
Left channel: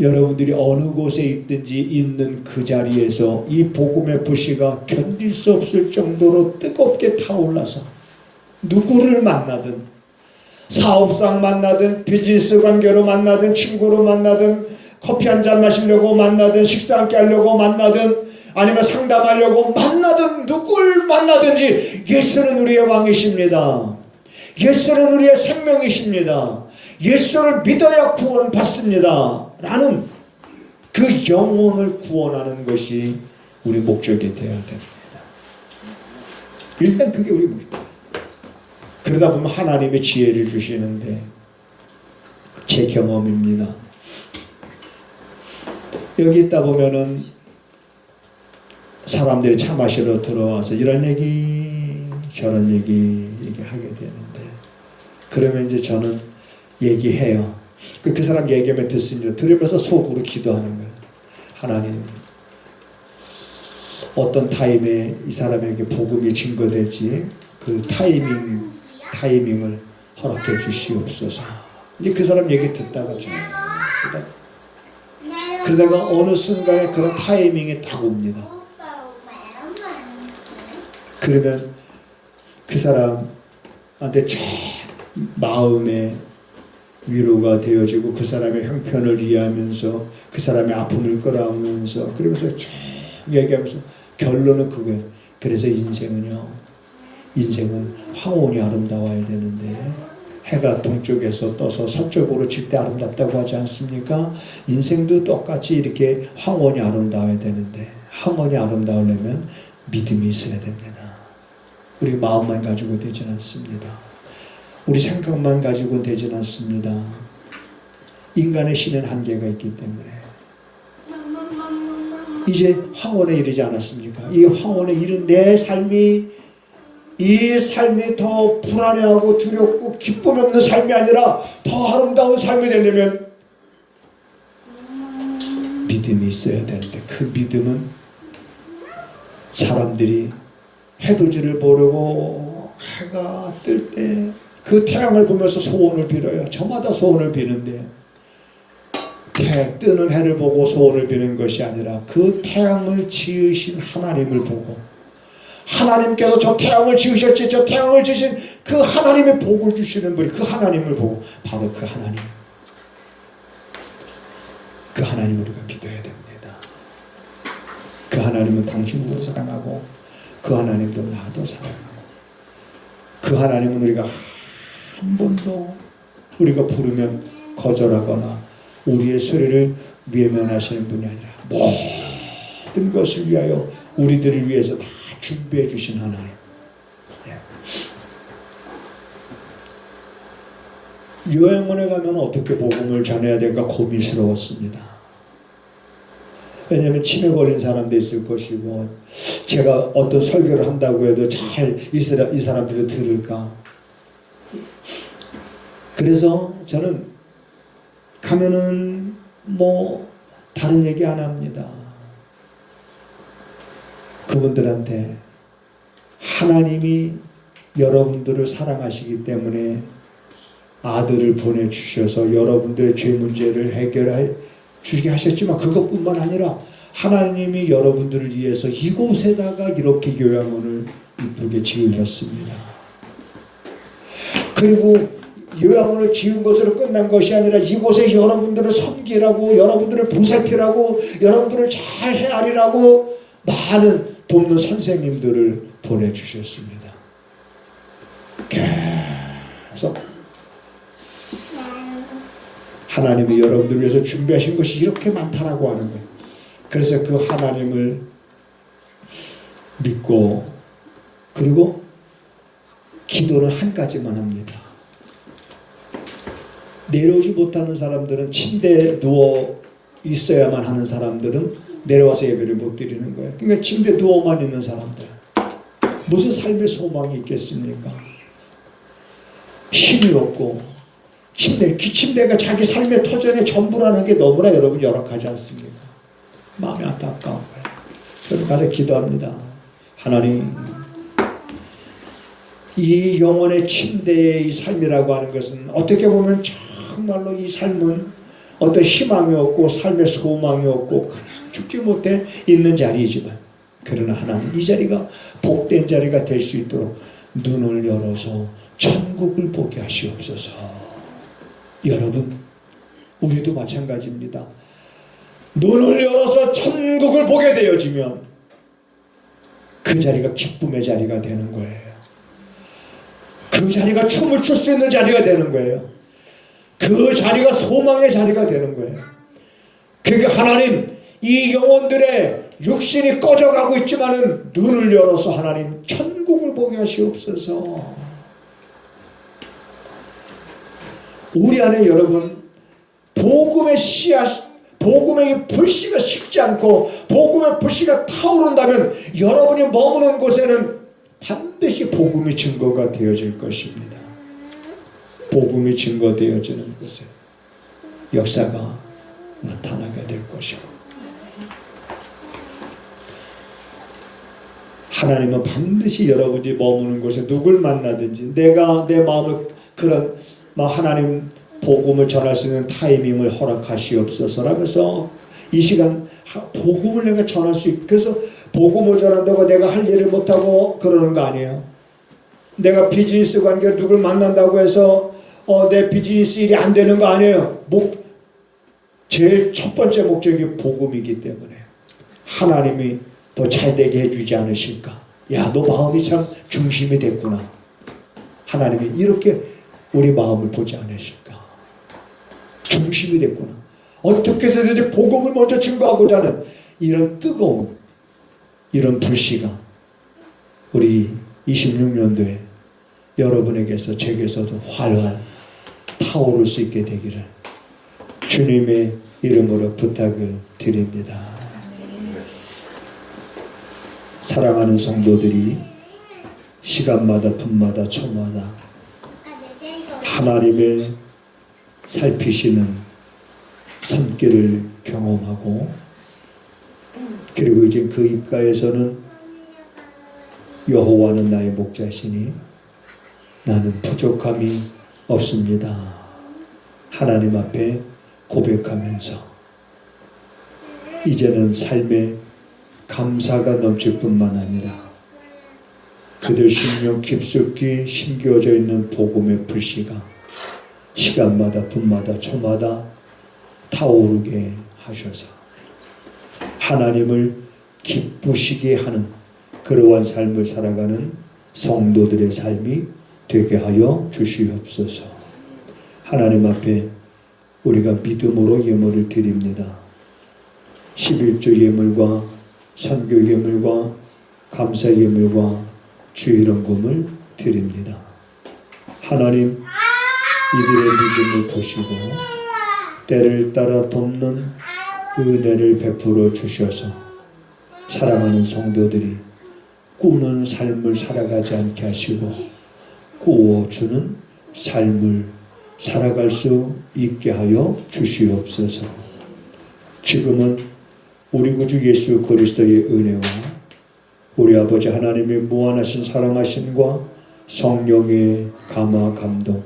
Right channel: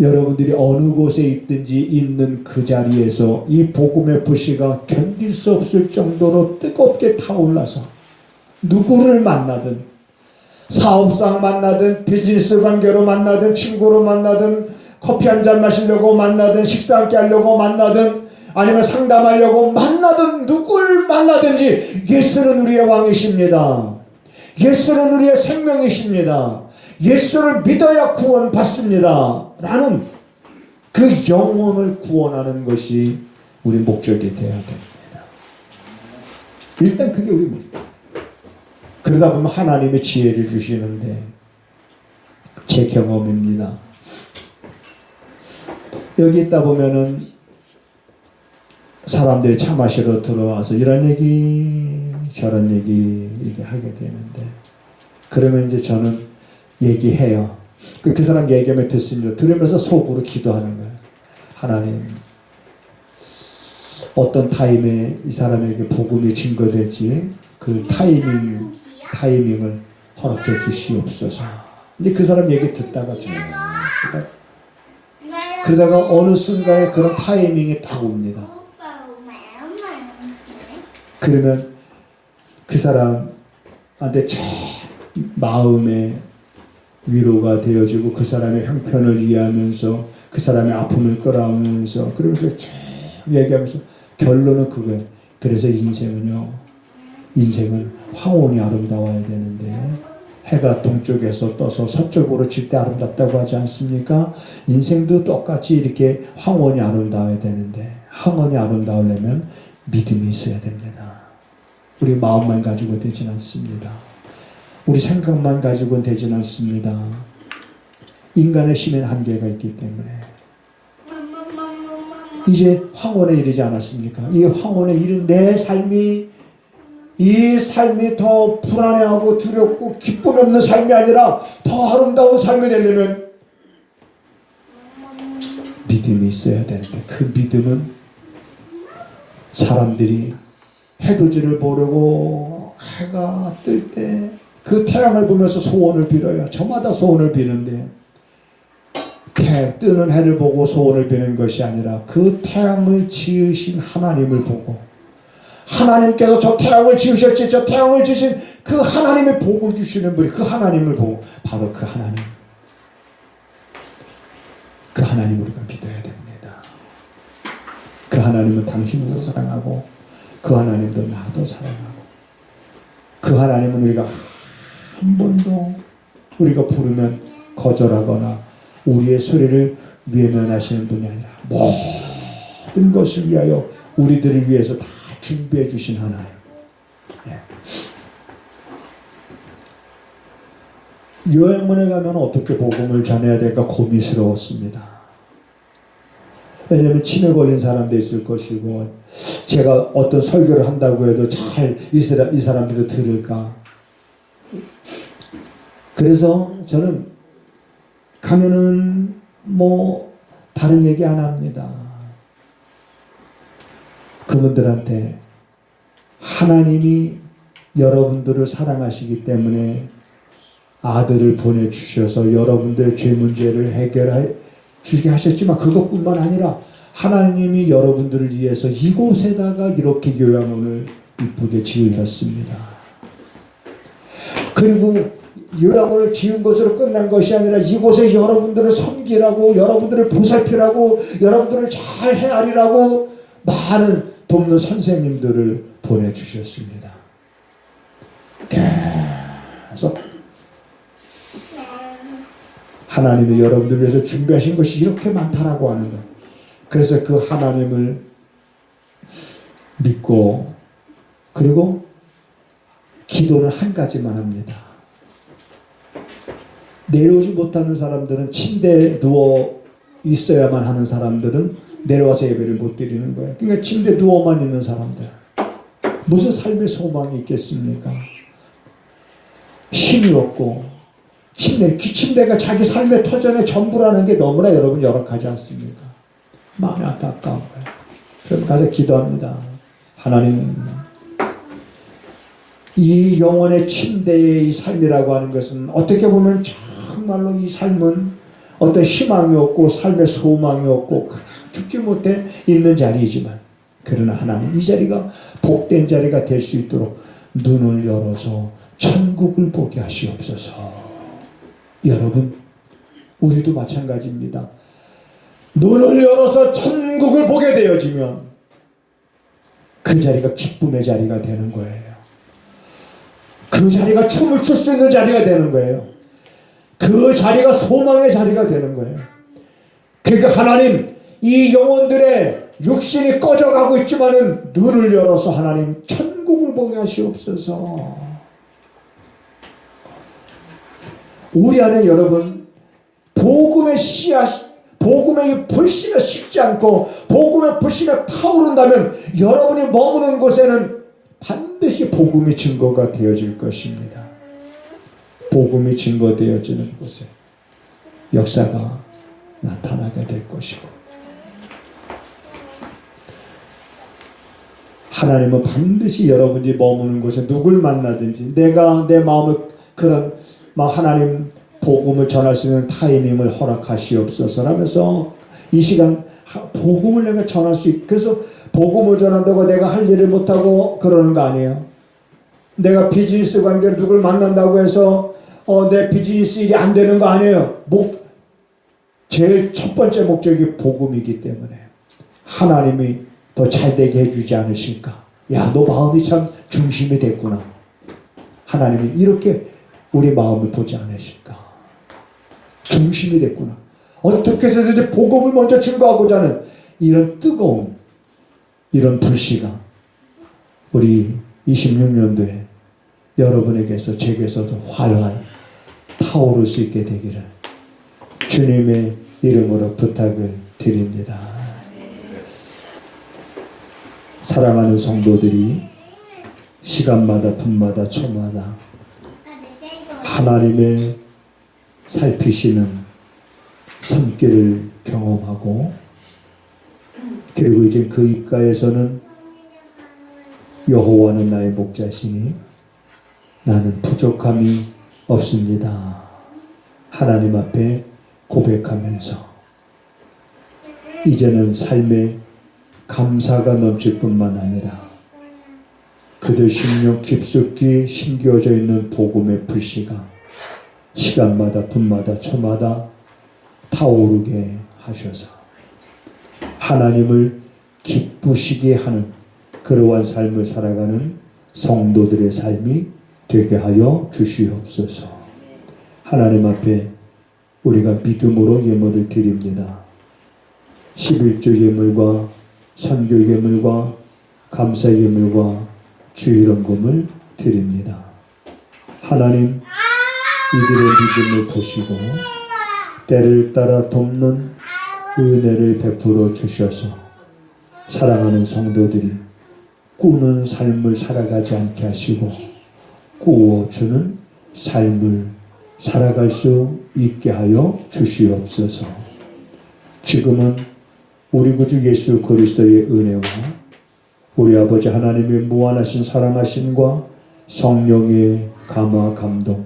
여러분들이 어느 곳에 있든지 있는 그 자리에서 이 복음의 불씨가 견딜 수 없을 정도로 뜨겁게 타올라서 누구를 만나든 사업상 만나든 비즈니스 관계로 만나든 친구로 만나든 커피 한잔 마시려고 만나든 식사 함께 하려고 만나든 아니면 상담하려고 만나든 누굴 만나든지 예수는 우리의 왕이십니다. 예수는 우리의 생명이십니다. 예수를 믿어야 구원받습니다. 라는 그 영혼을 구원하는 것이 우리 목적이 되어야 됩니다. 일단 그게 우리 목적. 그러다 보면 하나님의 지혜를 주시는데 제 경험입니다. 여기 있다 보면은 사람들이 차 마시러 들어와서 이런 얘기 저런 얘기 하게 되는데 그러면 이제 저는 얘기해요. 그 사람 얘기하면 듣습니다. 들으면서 속으로 기도하는 거예요. 하나님 어떤 타임에 이 사람에게 복음이 증거될지 그 타이밍을 허락해 주시옵소서. 이제 그 사람 얘기 듣다가 그러다가 어느 순간에 그런 타이밍이 딱 옵니다. 그러면 그 사람한테 참 마음에 위로가 되어지고 그 사람의 형편을 이해하면서 그 사람의 아픔을 끌어안으면서 그러면서 쭉 얘기하면서 결론은 그거예요. 그래서 인생은 황혼이 아름다워야 되는데 해가 동쪽에서 떠서 서쪽으로 질 때 아름답다고 하지 않습니까? 인생도 똑같이 이렇게 황혼이 아름다워야 되는데 황혼이 아름다우려면 믿음이 있어야 됩니다. 우리 마음만 가지고 되진 않습니다. 우리 생각만 가지고는 되진 않습니다. 인간의 힘엔 한계가 있기 때문에 이제 황혼에 이르지 않았습니까? 이 황혼에 이른 내 삶이 이 삶이 더 불안해하고 두렵고 기쁨이 없는 삶이 아니라 더 아름다운 삶이 되려면 믿음이 있어야 되는데 그 믿음은 사람들이 해돋이를 보려고 해가 뜰 때 그 태양을 보면서 소원을 빌어요. 저마다 소원을 비는데 뜨는 해를 보고 소원을 비는 것이 아니라 그 태양을 지으신 하나님을 보고 하나님께서 저 태양을 지으셨지 저 태양을 지으신 그 하나님의 복을 주시는 분이 그 하나님을 보고 바로 그 하나님 우리가 기도해야 됩니다. 그 하나님은 당신도 사랑하고 그 하나님도 나도 사랑하고 그 하나님은 우리가 한 번도 우리가 부르면 거절하거나 우리의 소리를 외면하시는 분이 아니라 모든 것을 위하여 우리들을 위해서 다 준비해 주신 하나님. 요양원에 가면 어떻게 복음을 전해야 될까 고민스러웠습니다. 왜냐하면 치매 걸린 사람도 있을 것이고 제가 어떤 설교를 한다고 해도 잘 이 사람들이 들을까. 그래서 저는 가면은 다른 얘기 안 합니다. 그분들한테 하나님이 여러분들을 사랑하시기 때문에 아들을 보내주셔서 여러분들의 죄 문제를 해결해 주게 하셨지만, 그것뿐만 아니라 하나님이 여러분들을 위해서 이곳에다가 이렇게 요양원을 이쁘게 지으셨습니다. 그리고 요양원을 지은 것으로 끝난 것이 아니라 이곳에 여러분들을 섬기라고, 여러분들을 보살피라고, 여러분들을 잘 헤아리라고 많은 돕는 선생님들을 보내주셨습니다. 계속 하나님이 여러분들을 위해서 준비하신 것이 이렇게 많다라고 하는 거예요. 그래서 그 하나님을 믿고, 그리고 기도는 한 가지만 합니다. 내려오지 못하는 사람들은, 침대에 누워 있어야만 하는 사람들은 내려와서 예배를 못 드리는 거예요. 그러니까 침대에 누워만 있는 사람들, 무슨 삶의 소망이 있겠습니까? 힘이 없고, 침대가 자기 삶의 터전의 전부라는 게 너무나 여러분 열악하지 않습니까? 마음이 안타까운 거예요. 그래서 가서 기도합니다. 하나님, 이 영혼의 침대의 이 삶이라고 하는 것은 어떻게 보면 정말로 이 삶은 어떤 희망이 없고 삶의 소망이 없고 그냥 죽지 못해 있는 자리이지만, 그러나 하나님, 이 자리가 복된 자리가 될 수 있도록 눈을 열어서 천국을 보게 하시옵소서. 여러분, 우리도 마찬가지입니다. 눈을 열어서 천국을 보게 되어지면 그 자리가 기쁨의 자리가 되는 거예요. 그 자리가 춤을 출 수 있는 자리가 되는 거예요. 그 자리가 소망의 자리가 되는 거예요. 그러니까 하나님, 이 영혼들의 육신이 꺼져가고 있지만은 눈을 열어서 하나님 천국을 보게 하시옵소서. 우리 안에 여러분, 복음의 씨앗, 복음의 불씨가 식지 않고 복음의 불씨가 타오른다면 여러분이 머무는 곳에는 반드시 복음의 증거가 되어질 것입니다. 복음이 증거되어지는 곳에 역사가 나타나게 될 것이고, 하나님은 반드시 여러분이 머무는 곳에 누굴 만나든지 내가 내 마음을 그런 하나님 복음을 전할 수 있는 타이밍을 허락하시옵소서라면서 이 시간 복음을 내가 전할 수 있고, 그래서 복음을 전한다고 내가 할 일을 못하고 그러는 거 아니에요. 내가 비즈니스 관계로 누굴 만난다고 해서 내 비즈니스 일이 안 되는 거 아니에요. 제일 첫 번째 목적이 복음이기 때문에 하나님이 더 잘되게 해주지 않으실까. 야, 너 마음이 참 중심이 됐구나. 하나님이 이렇게 우리 마음을 보지 않으실까. 중심이 됐구나. 어떻게 해서든지 복음을 먼저 증거하고자 하는 이런 뜨거운 이런 불씨가 우리 26년도에 여러분에게서 제게서도 활활 타오를 수 있게 되기를 주님의 이름으로 부탁을 드립니다. 사랑하는 성도들이 시간마다 분마다 초마다 하나님의 살피시는 손길을 경험하고, 그리고 이제 그 입가에서는 여호와는 나의 목자시니 나는 부족함이 없습니다. 하나님 앞에 고백하면서 이제는 삶에 감사가 넘칠 뿐만 아니라 그들 심령 깊숙이 심겨져 있는 복음의 불씨가 시간마다 분마다 초마다 타오르게 하셔서 하나님을 기쁘시게 하는 그러한 삶을 살아가는 성도들의 삶이 되게 하여 주시옵소서. 하나님 앞에 우리가 믿음으로 예물을 드립니다. 11조 예물과 선교 예물과 감사 예물과 주일원금을 드립니다. 하나님, 이들의 믿음을 보시고 때를 따라 돕는 은혜를 베풀어 주셔서 사랑하는 성도들이 꾸는 삶을 살아가지 않게 하시고 꾸어주는 삶을 살아갈 수 있게 하여 주시옵소서. 지금은 우리 구주 예수 그리스도의 은혜와 우리 아버지 하나님의 무한하신 사랑하심과 성령의 감화 감동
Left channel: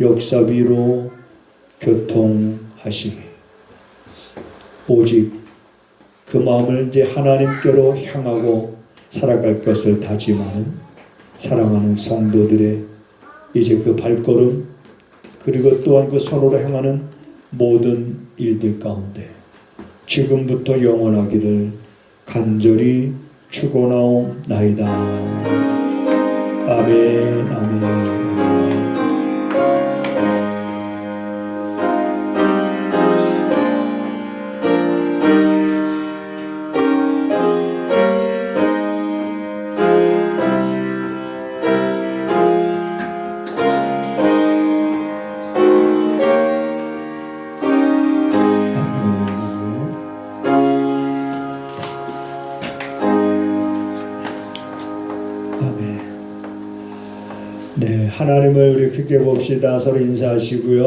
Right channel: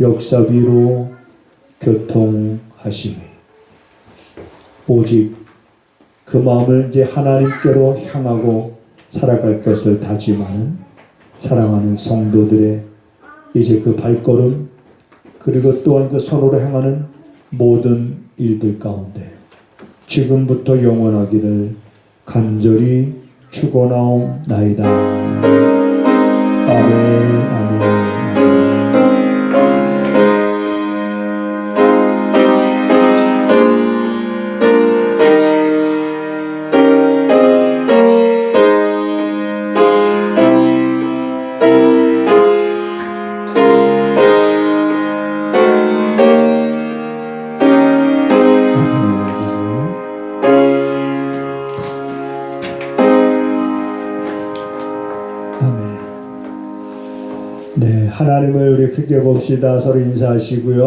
역사비로 교통하시기 오직 그 마음을 이제 하나님께로 향하고 살아갈 것을 다짐하는 사랑하는 성도들의 이제 그 발걸음 그리고 또한 그 서로를 향하는 모든 일들 가운데 지금부터 영원하기를 간절히 축원하옵나이다. 아멘 아멘. 네, 하나님을 우리 크게 봅시다. 서로 인사하시고요.